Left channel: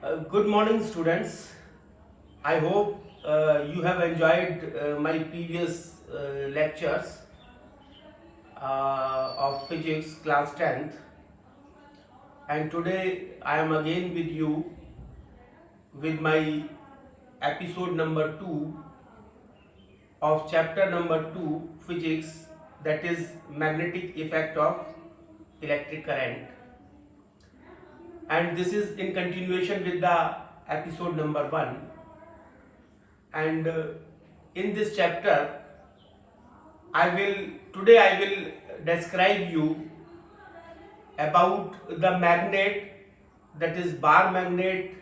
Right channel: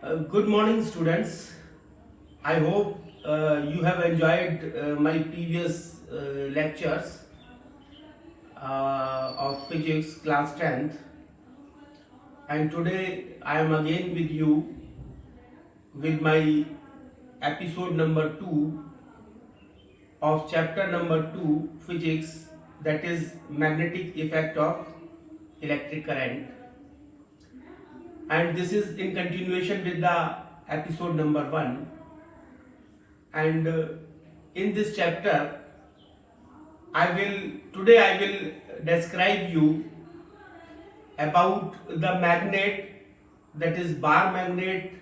Good morning, students. I hope you have enjoyed my previous lectures of physics class 10th, and today I am again with you with my episode number 2 of chapter number 2 physics, that is magnetic effect of electric current, and this is in continuation with the episode number 1. And in this chapter I will describe you about the magnet, that is bar magnet,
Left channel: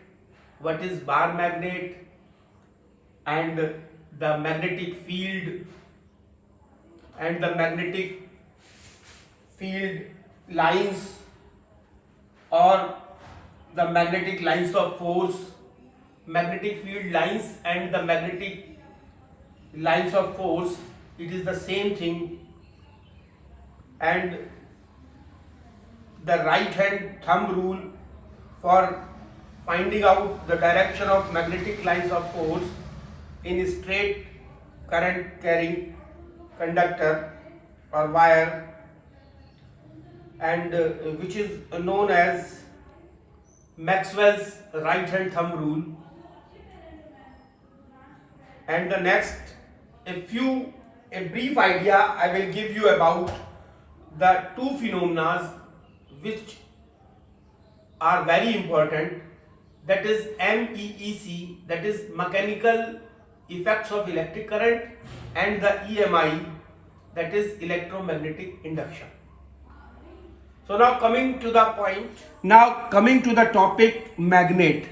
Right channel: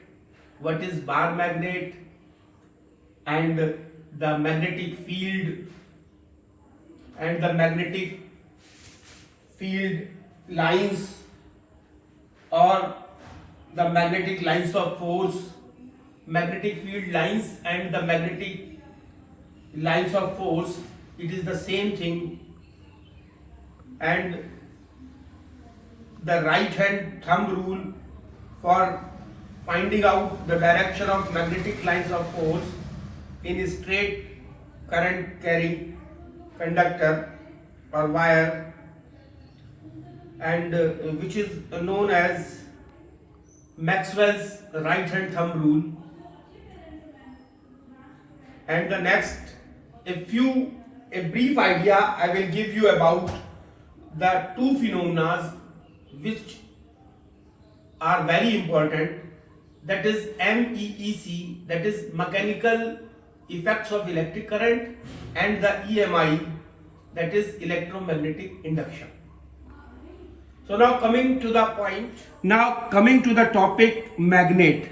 what is bar magnet, and the magnetic field and the magnetic field lines, or the magnetic lines of force, magnetic field lines and the magnetic lines of force, it is the same thing. And the right hand thumb rule for finding out the direction of magnetic lines of force in a straight current carrying conductor or wire, and which is known as Maxwell's right hand thumb rule. And the next, a brief idea I will give you about the two phenomena which are very important, that is MEEC, that is mechanical effects of electric current, and the EMI, that is electromagnetic induction. So now coming to the point. Now coming to the topic magnet.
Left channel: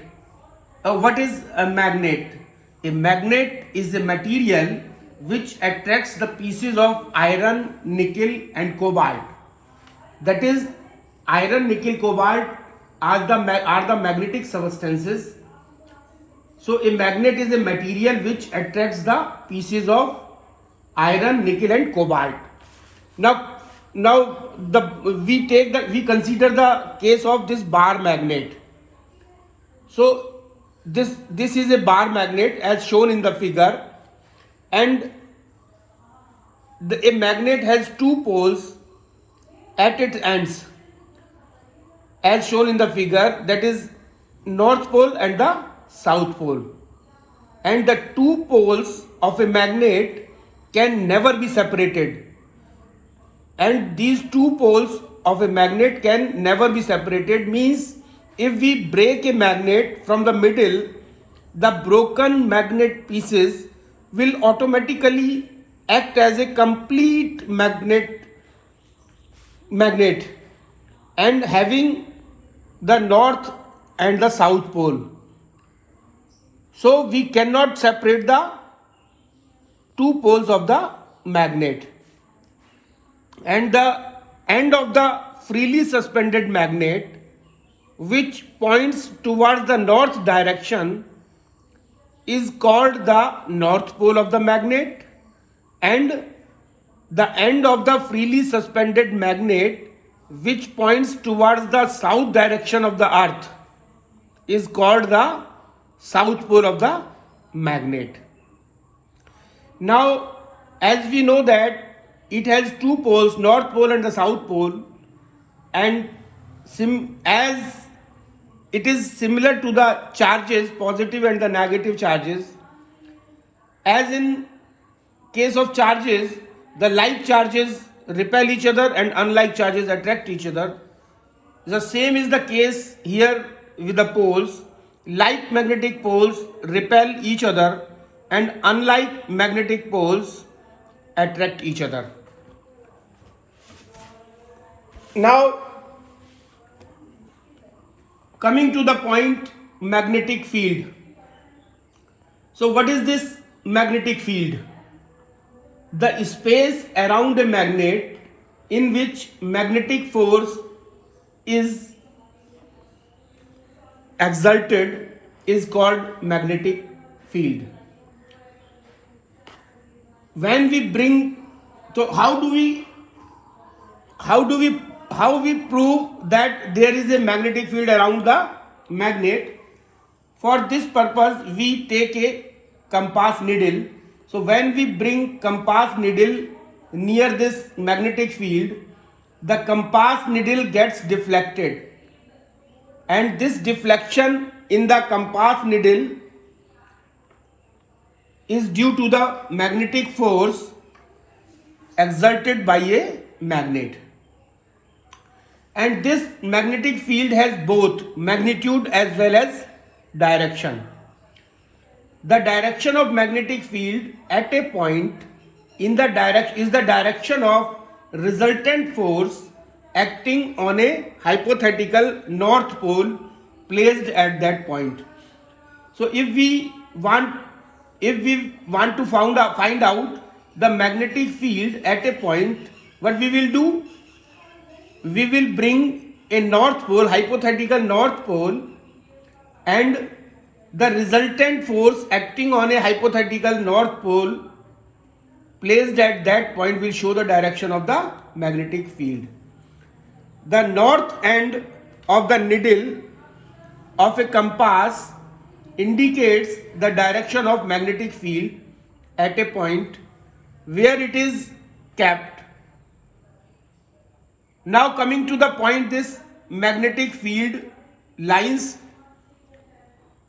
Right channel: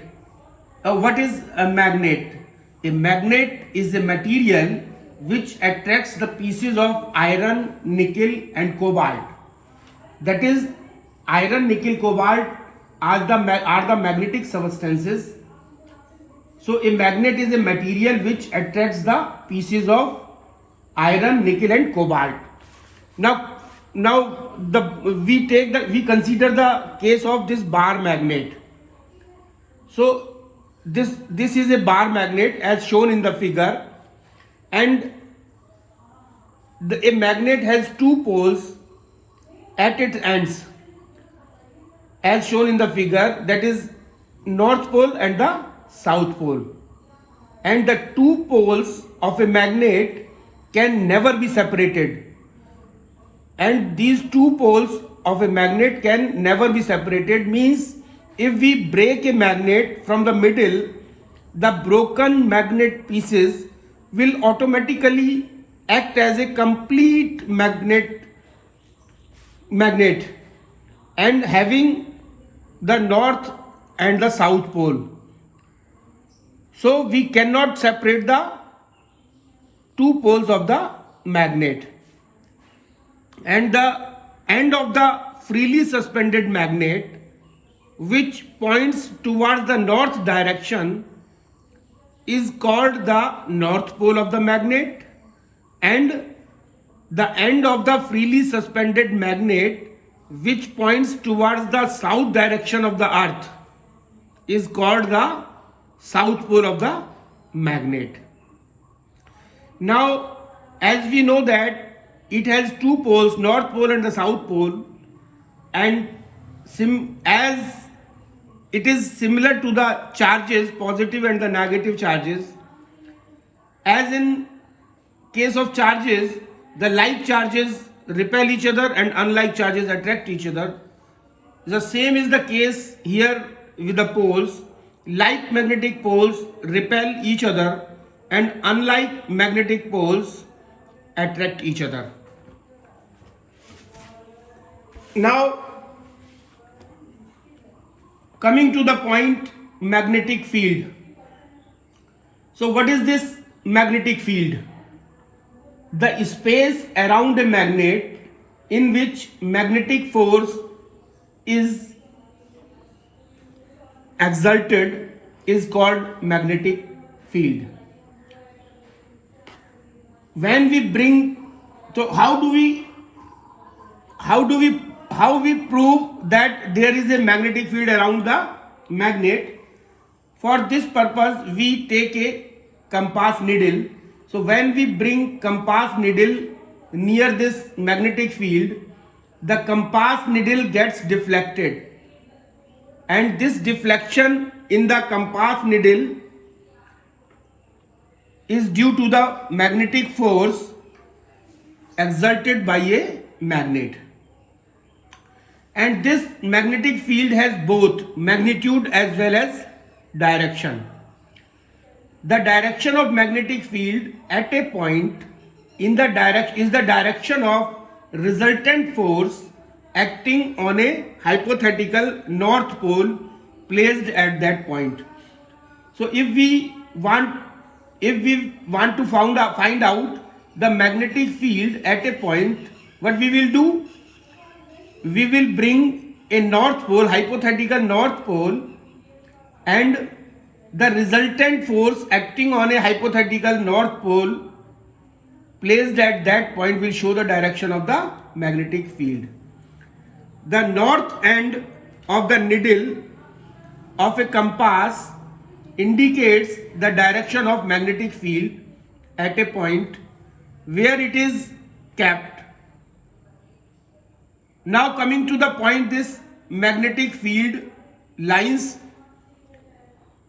What is a magnet? A magnet is a material which attracts the pieces of iron, nickel and cobalt. That is, iron, nickel, cobalt are the magnetic substances. So a magnet is a material which attracts the pieces of iron, nickel and cobalt. We consider the case of this bar magnet. So this is a bar magnet as shown in the figure, and a magnet has two poles at its ends as shown in the figure, that is north pole and the south pole. And the two poles of a magnet can never be separated, and these two poles of a magnet can never be separated means if we break a magnet from the middle, the broken magnet pieces will automatically act as a complete magnet and having the north and the south pole. So we cannot separate the two poles of the magnet. And the end of the freely suspended magnet, which points towards the north direction, is called the north pole of the magnet, and the end of the freely suspended magnet which points towards the south direction of the earth is called the south pole of the magnet. Now, as we know that it has two poles, north pole and the south pole, and as it is similar to the charges, positive and the negative charges, as in case of charges, the like charges repel each other and unlike charges attract each other. The same is the case here with the poles. Like magnetic poles repel each other and unlike magnetic poles attract each other. Now, coming to the point, magnetic field. So what is this magnetic field? The space around a magnet in which magnetic force is exerted is called magnetic field. When we bring, so how we prove that there is a magnetic field around the magnet? For this purpose, we take a compass needle. So when we bring compass needle near this magnetic field, the compass needle gets deflected, and this deflection in the compass needle is due to the magnetic force exerted by a magnet. And this magnetic field has both magnitude as well as direction. The direction of magnetic field at a point in the is the direction of resultant force acting on a hypothetical north pole placed at that point. So if we want to find out the magnetic field at a point, what we will do? We will bring a north pole, hypothetical north pole, and the resultant force acting on a hypothetical north pole placed at that point will show the direction of the magnetic field. The north end of the needle of a compass indicates the direction of magnetic field at a point where it is kept. Now coming to the point, this magnetic field lines,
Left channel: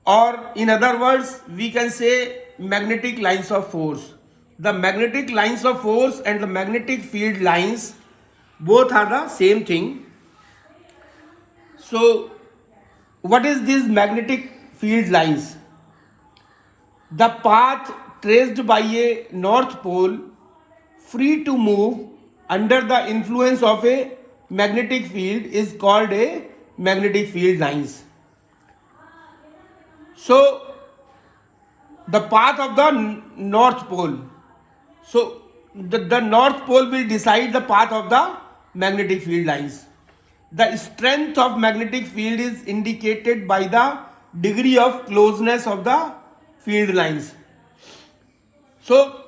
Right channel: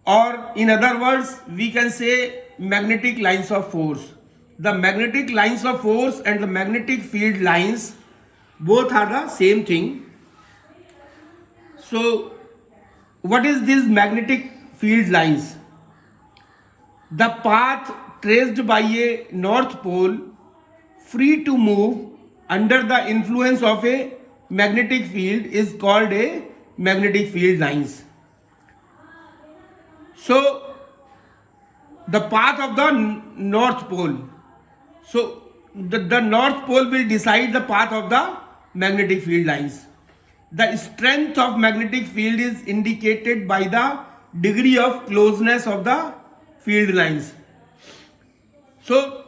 or in other words we can say magnetic lines of force. The magnetic lines of force and the magnetic field lines both are the same thing. So what is this magnetic field lines? The path traced by a north pole free to move under the influence of a magnetic field is called a magnetic field lines. So the path of the north pole, so the north pole will decide the path of the magnetic field lines. The strength of magnetic field is indicated by the degree of closeness of the field lines. So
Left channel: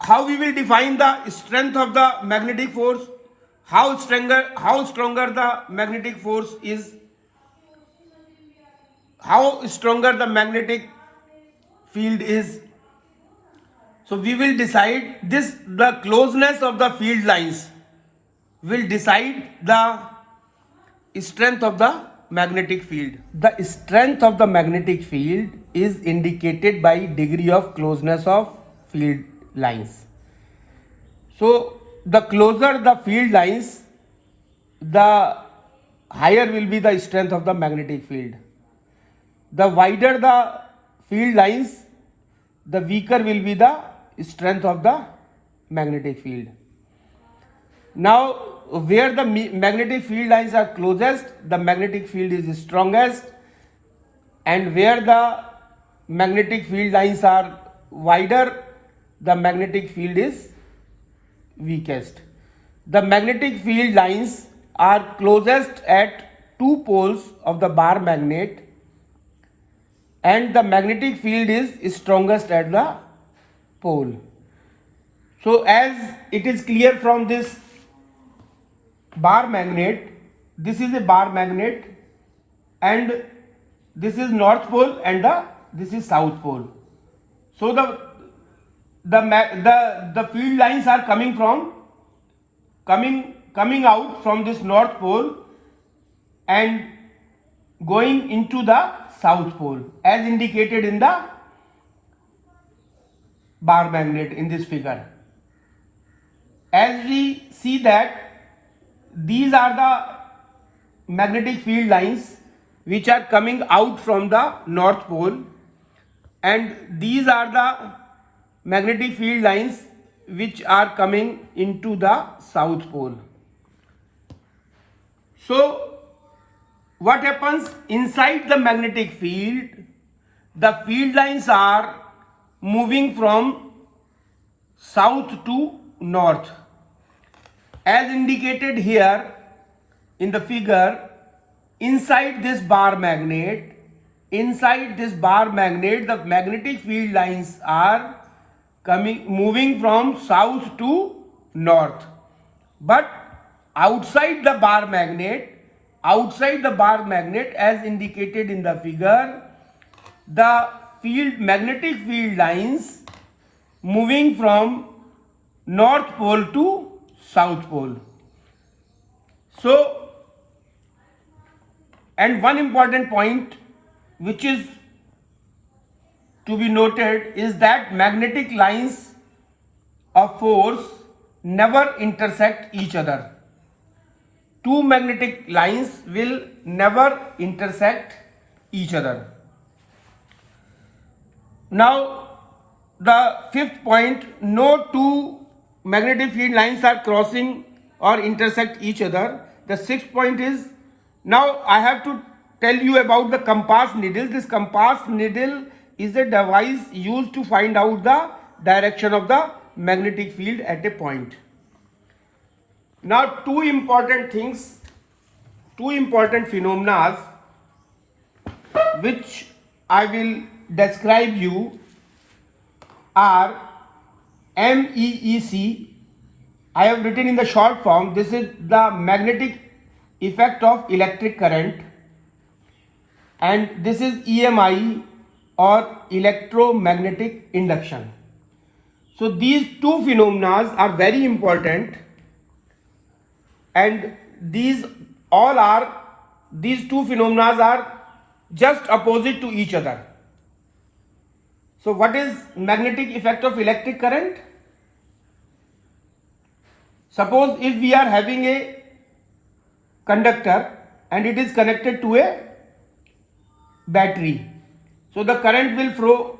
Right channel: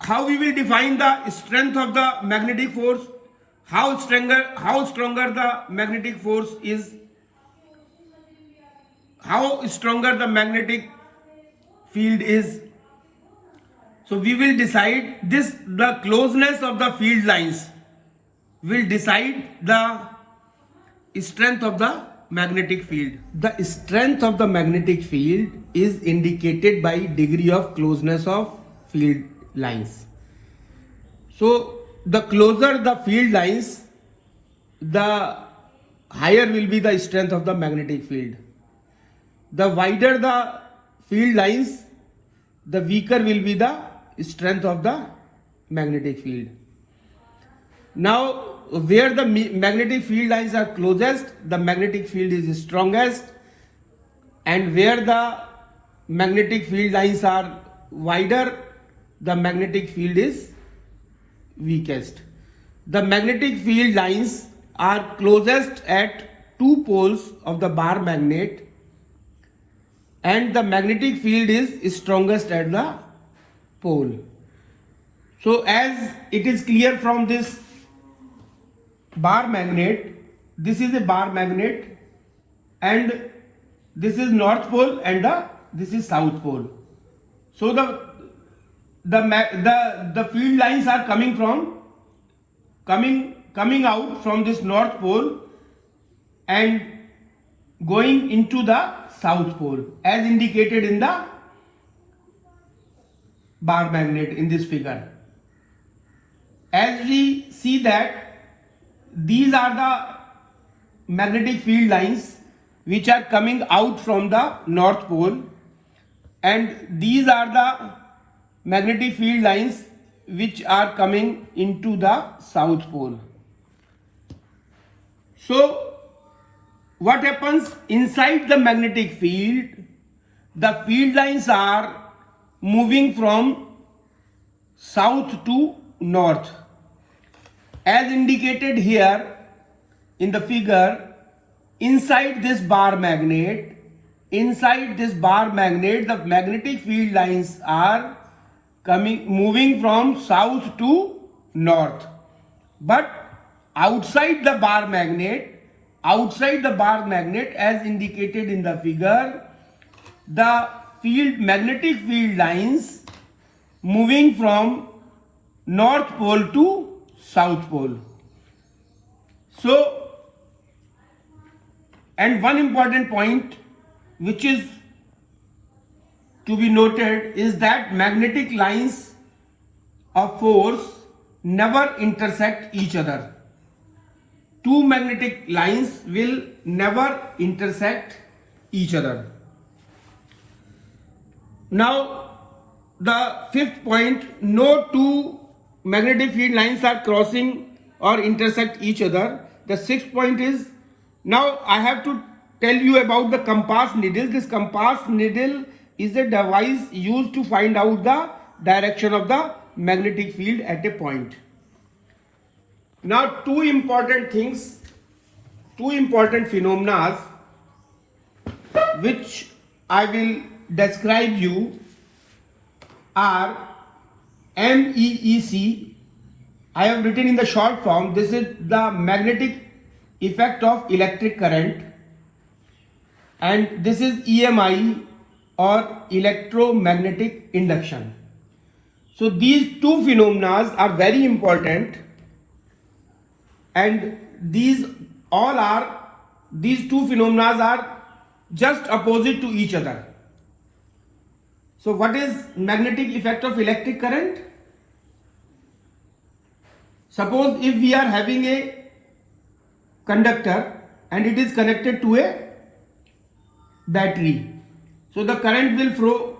how we will define the strength of the magnetic force? How stronger the magnetic force is? How stronger the magnetic field is? So we will decide this, the closeness of the field lines will decide the strength of the magnetic field. The strength of the magnetic field is indicated by degree of closeness of field lines. So the closer the field lines, the higher will be the strength of the magnetic field. The wider the field lines, the weaker will be the strength of the magnetic field. Now where the magnetic field lines are closest, the magnetic field is strongest, and where the magnetic field lines are wider, the magnetic field is weakest. The magnetic field lines are closest at two poles of the bar magnet, and the magnetic field is strongest at the pole. So as it is clear from this bar magnet, this is a bar magnet, and this is north pole, and this is south pole. So the field lines are coming out from this north pole and going into the south pole as indicated in the bar magnet in this figure. As we see that these are the magnetic field lines which are coming out from the north pole, and these are the magnetic field lines which are coming into the south pole. So what happens inside the magnetic field? The field lines are moving from south to north. As indicated here in the figure, inside this bar magnet, the magnetic field lines are moving from south to north. But outside the bar magnet, outside the bar magnet as indicated in the figure, the magnetic field lines moving from north pole to south pole. So, and one important point which is to be noted is that magnetic lines of force never intersect each other. Two magnetic lines will never intersect each other. Now, the fifth point, no two magnetic field lines are crossing or intersect each other. The sixth point is, now I have to tell you about the compass needle. This compass needle is a device used to find out the direction of the magnetic field at a point. Now, two important phenomena which I will describe you are MEEC. I have written in the short form. This is the magnetic effect of electric current, and this is EMI or electromagnetic induction. So these two phenomena are very important, and these two phenomena are just opposite to each other. So what is magnetic effect of electric current? Suppose if we are having a conductor and it is connected to a battery, so the current will flow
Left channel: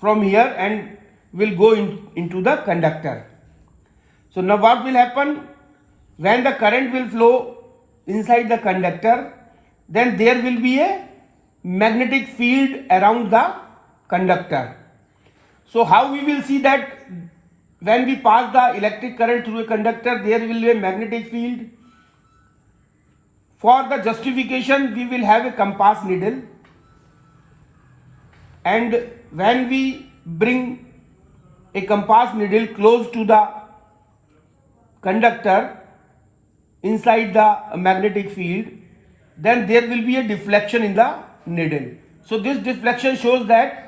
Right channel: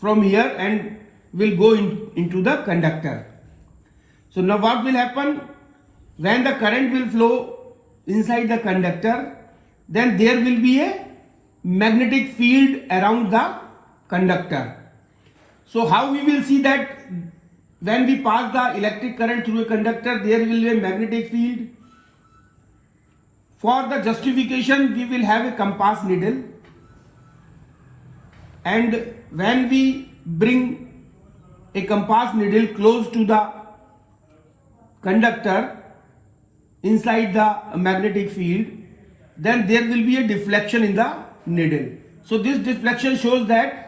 from here and will go into the conductor. So now what will happen? When the current will flow inside the conductor, then there will be a magnetic field around the conductor. So how we will see that when we pass the electric current through a conductor, there will be a magnetic field? For the justification, we will have a compass needle, and when we bring a compass needle close to the conductor inside the magnetic field, then there will be a deflection in the needle. So this deflection shows that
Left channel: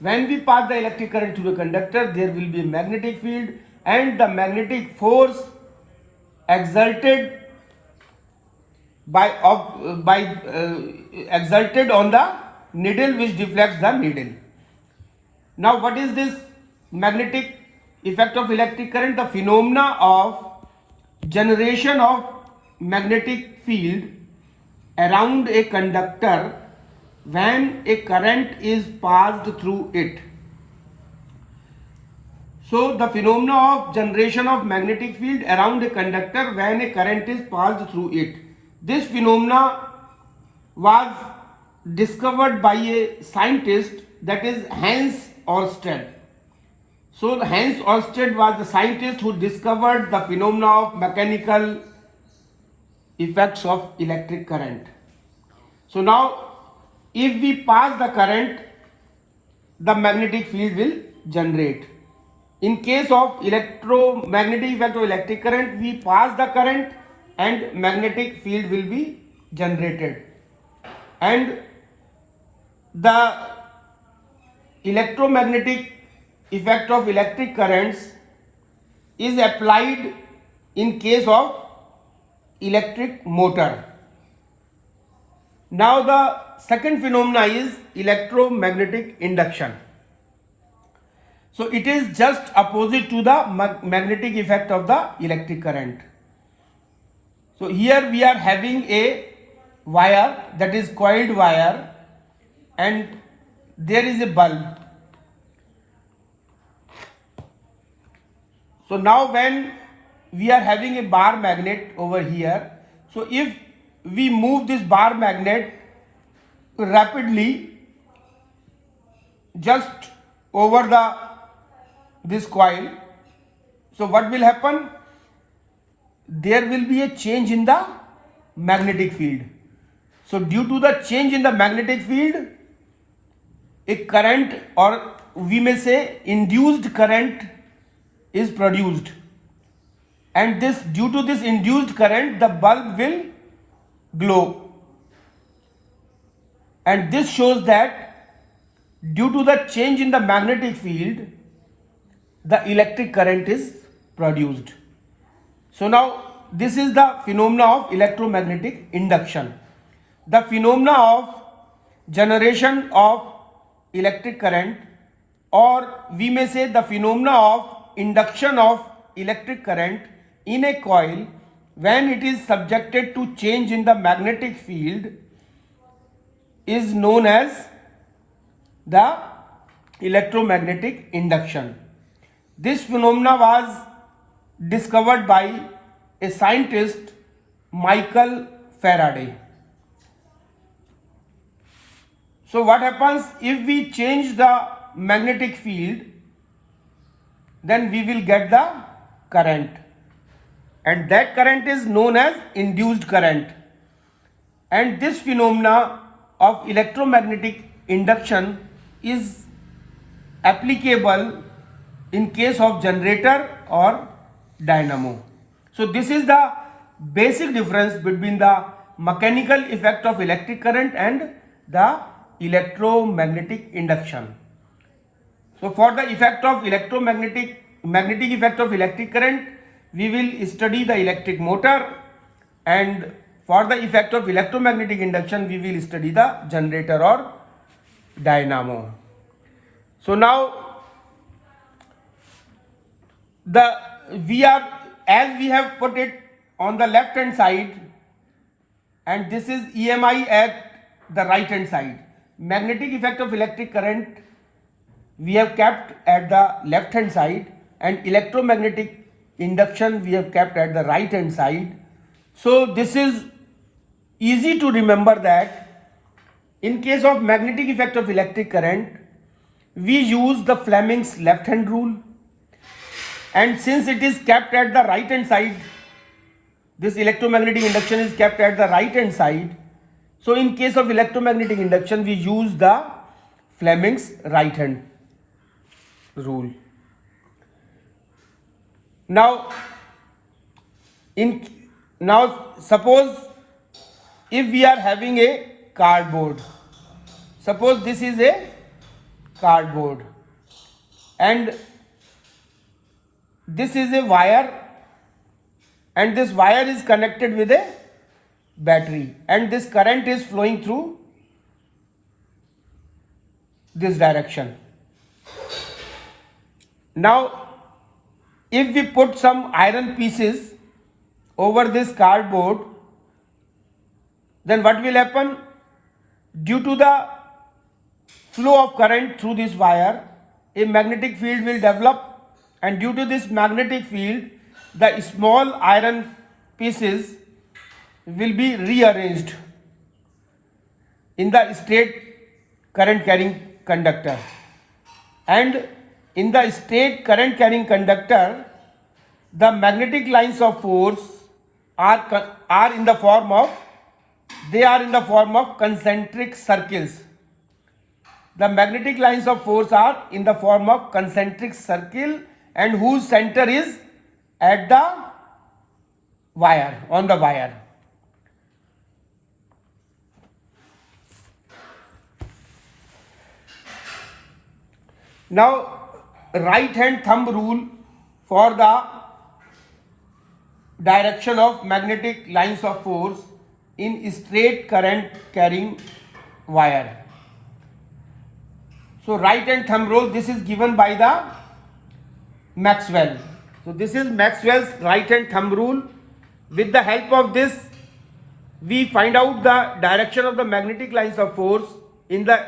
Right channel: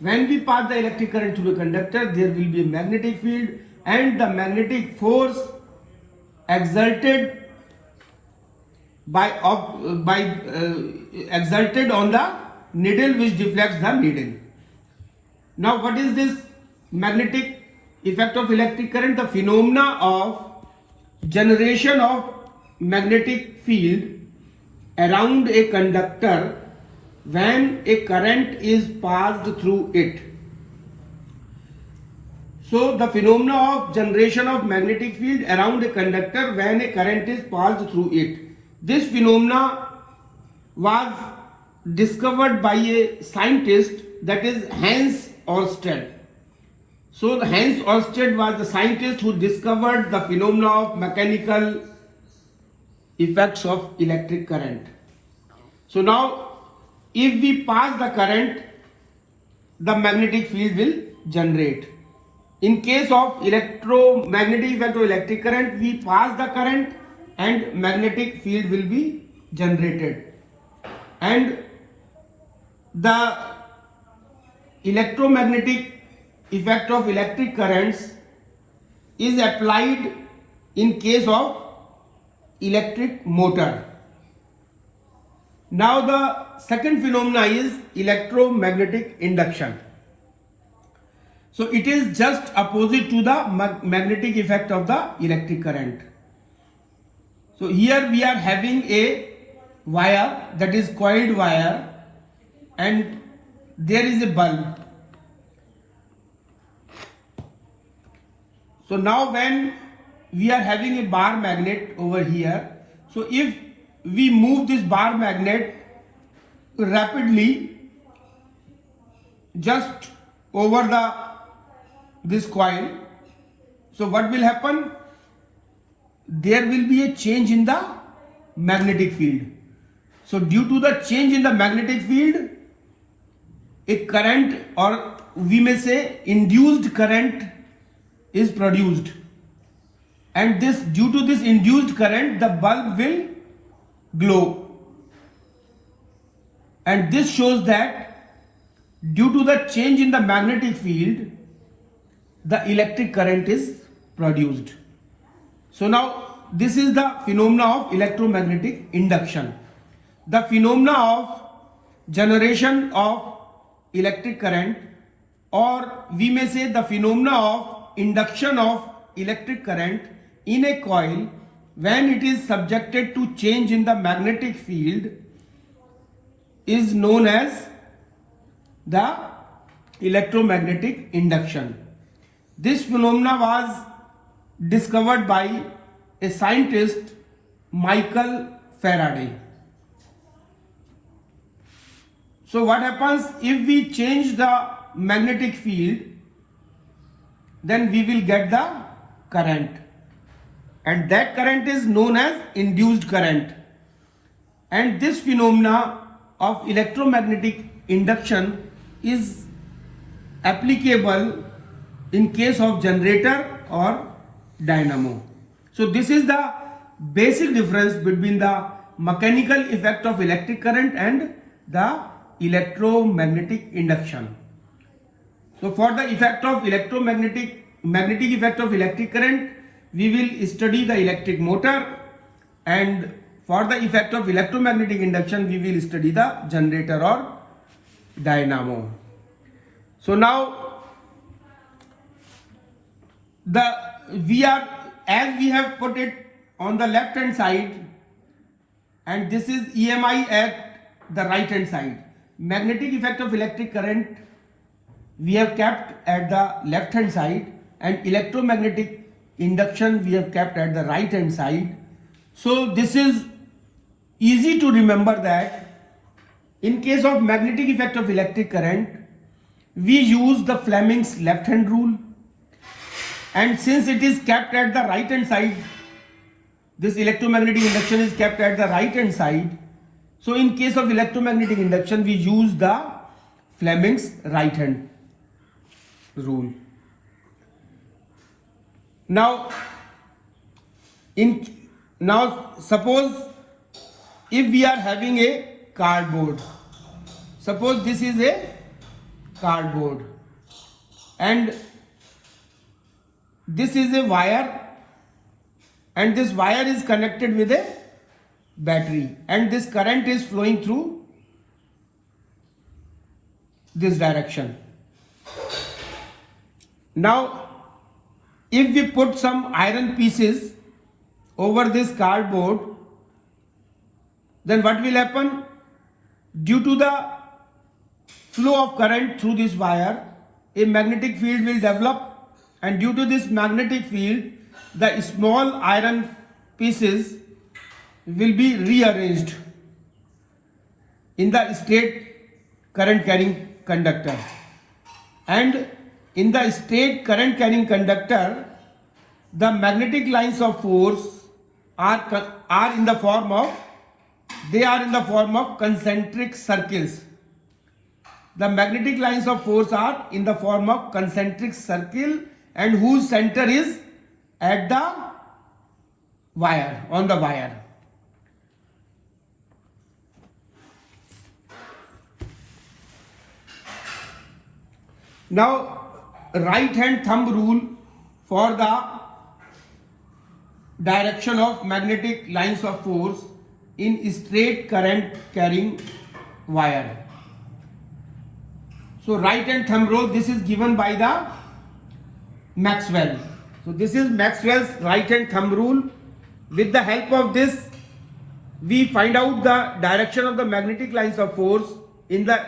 when we pass the electric current through the conductor, there will be a magnetic field, and the magnetic force exerted exerted on the needle, which deflects the needle. Now what is this magnetic effect of electric current? The phenomena of generation of magnetic field around a conductor when a current is passed through it. So the phenomena of generation of magnetic field around a conductor when a current is passed through it. This phenomena was discovered by a scientist, that is Hans Ørsted. So Hans Ørsted was the scientist who discovered the phenomena of mechanical effects of electric current. So now if we pass the current, the magnetic field will generate. In case of electromagnetic effect of electric current, we pass the current and magnetic field will be generated. And the electromagnetic effect of electric currents is applied in case of electric motor. Now the second phenomena is electromagnetic induction. So it is just opposite to the magnetic effect of the electric current. So here we are having a wire, that is coiled wire, and there is a bulb. So now when we are having a bar magnet over here, so if we move this bar magnet rapidly just over this coil, so what will happen? There will be a change in the magnetic field. So due to the change in the magnetic field, a current, or we may say induced current, is produced, and due to this induced current, the bulb will globe, and this shows that due to the change in the magnetic field, the electric current is produced. So now this is the phenomena of electromagnetic induction. The phenomena of generation of electric current, or we may say the phenomena of induction of electric current in a coil when it is subjected to change in the magnetic field, is known as the electromagnetic induction. This phenomena was discovered by a scientist, Michael Faraday. So what happens if we change the magnetic field, then we will get the current, and that current is known as induced current. And this phenomena of electromagnetic induction is applicable in case of generator or dynamo. So this is the basic difference between the mechanical effect of electric current and the electromagnetic induction. So for the effect of magnetic effect of electric current, we will study the electric motor, and for the effect of electromagnetic induction, we will study the generator or dynamo. So now we have put it on the left hand side, and this is EMI at the right hand side. Magnetic effect of electric current we have kept at the left hand side, and electromagnetic induction we have kept at the right hand side. So this is easy to remember that in case of magnetic effect of electric current, we use the Fleming's left hand rule, and since it is kept at the right hand side, this electromagnetic induction is kept at the right hand side. So in case of electromagnetic induction, we use the Fleming's right hand rule. Now suppose if we are having a cardboard, suppose this is a cardboard and this is a wire, and this wire is connected with a battery, and this current is flowing through this direction. Now if we put some iron pieces over this cardboard, then what will happen? Due to the flow of current through this wire, a magnetic field will develop, and due to this magnetic field, the small iron pieces will be rearranged in the straight current carrying conductor, and in the straight current carrying conductor, the magnetic lines of force are in the form of concentric circles. The magnetic lines of force are in the form of concentric circle, and whose center is at the wire, on the wire. Now right hand thumb rule for the direction of magnetic lines of force in straight current carrying wire. So right hand thumb rule, this is given by the Maxwell. So this is Maxwell's right hand thumb rule. With the help of this, we find out the direction of the magnetic lines of force in the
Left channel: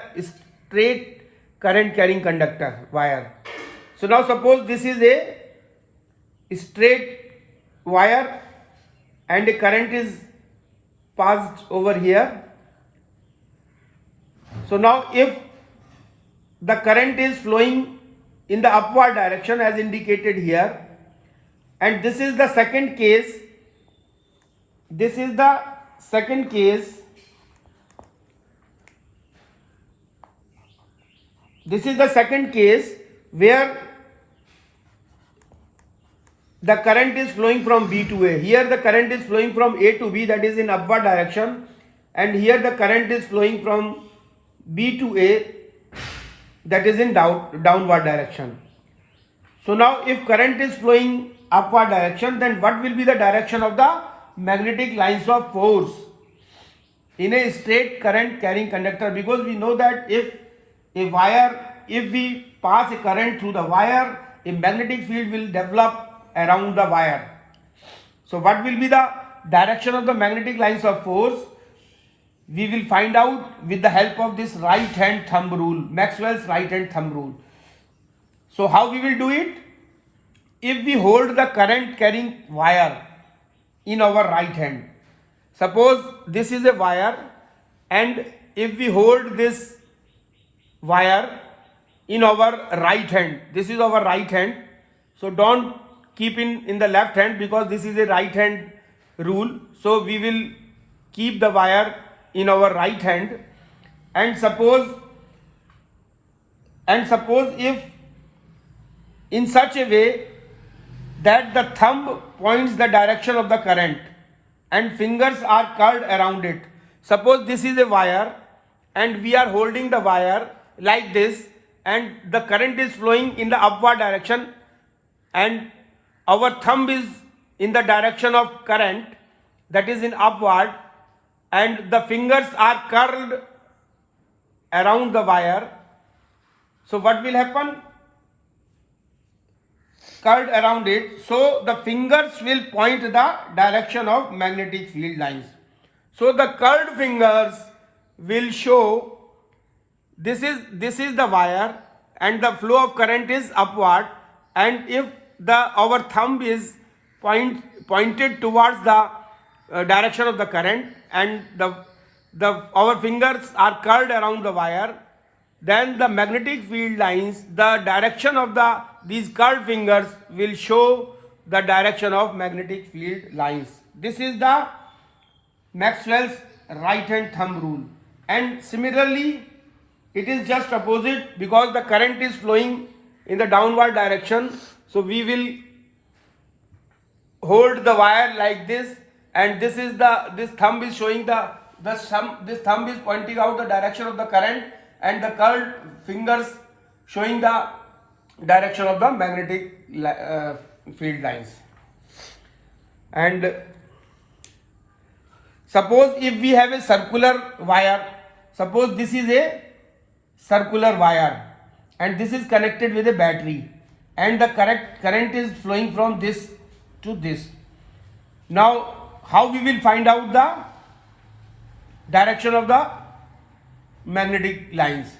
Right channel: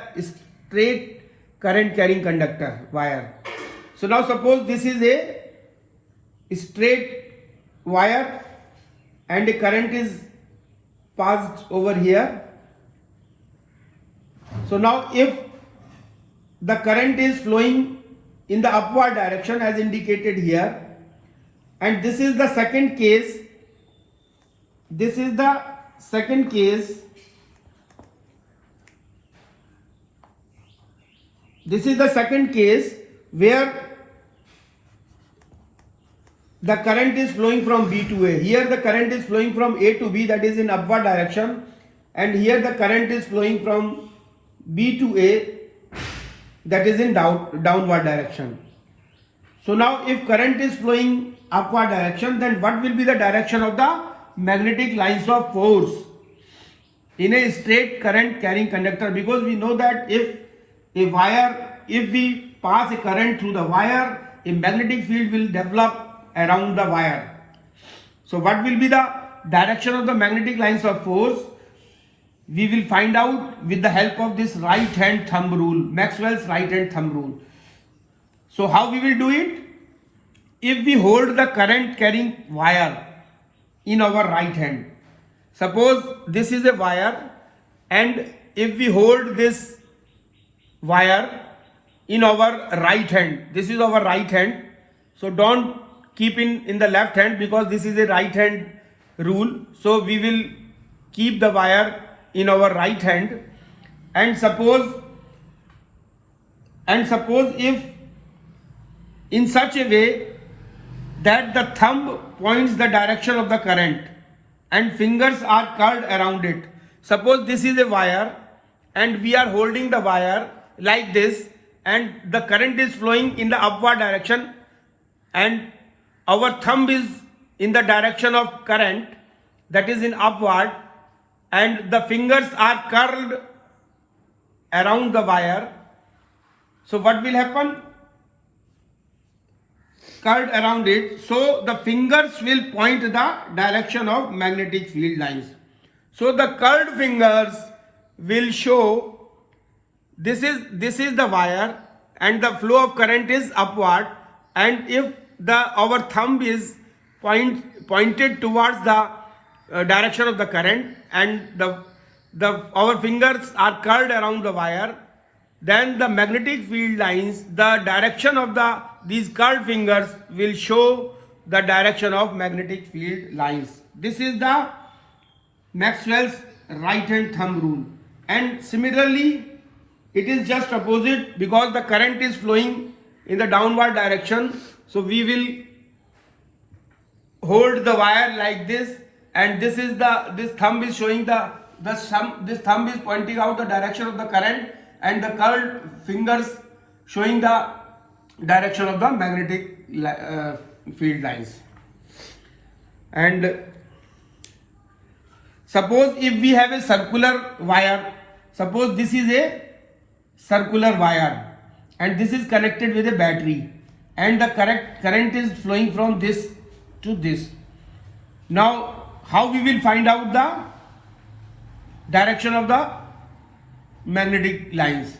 straight current carrying conductor wire. So now suppose this is a straight wire and a current is passed over here. So now if the current is flowing in the upward direction as indicated here, and this is the second case, this is the second case, this is the second case where the current is flowing from B to A. Here the current is flowing from A to B, that is in upward direction, and here the current is flowing from B to A, that is in downward direction. So now if current is flowing upward direction, then what will be the direction of the magnetic lines of force in a straight current carrying conductor? Because we know that if we pass a current through the wire, a magnetic field will develop around the wire. So what will be the direction of the magnetic lines of force? We will find out with the help of this right hand thumb rule, Maxwell's right hand thumb rule. So how we will do it? If we hold the current carrying wire in our right hand, suppose this is a wire, and if we hold this wire in our right hand, this is our right hand, so don't keep in the left hand because this is a right hand rule. So we will keep the wire in our right hand, and suppose if in such a way that the thumb points the direction of the current and fingers are curled around it. Suppose this is a wire and we are holding the wire like this, and the current is flowing in the upward direction and our thumb is in the direction of current, that is in upward, and the fingers are curled around the wire. So what will happen? Curled around it, so the fingers will point the direction of magnetic field lines. So the curled fingers will show this is the wire and the flow of current is upward, and if our thumb is pointed towards the direction of the current and our fingers are curled around the wire, then the magnetic field lines, the direction of these curled fingers will show the direction of magnetic field lines. This is the Maxwell's right hand thumb rule. And similarly, it is just opposite, because the current is flowing in the downward direction. So we will hold the wire like this, and this thumb is showing this thumb is pointing out the direction of the current, and the curled fingers showing the direction of the magnetic field lines. And suppose if we have a circular wire, suppose this is a circular wire and this is connected with a battery, and the current is flowing from this to this. Now how we will find out the direction of the magnetic lines?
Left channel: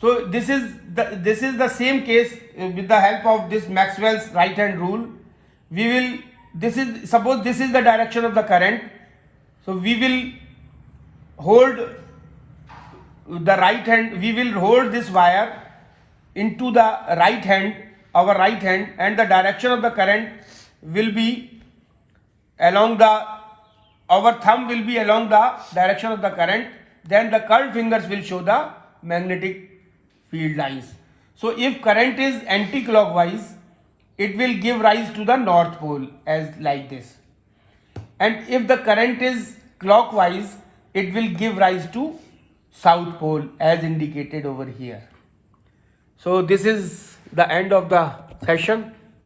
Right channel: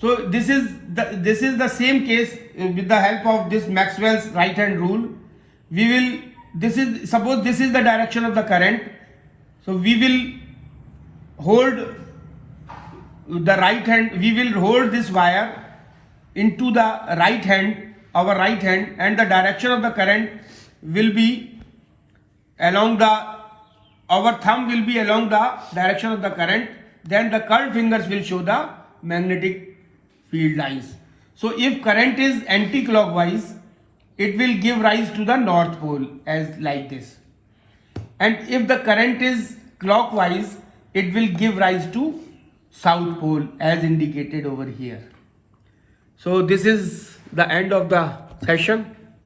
So this is the same case with the help of this Maxwell's right hand rule. Suppose this is the direction of the current, so we will hold the right hand, we will hold this wire into the right hand, our right hand, and the direction of the current will be along our thumb will be along the direction of the current, then the curled fingers will show the magnetic field lines. So if current is anti-clockwise, it will give rise to the north pole as like this, and if the current is clockwise, it will give rise to south pole as indicated over here. So this is the end of the session.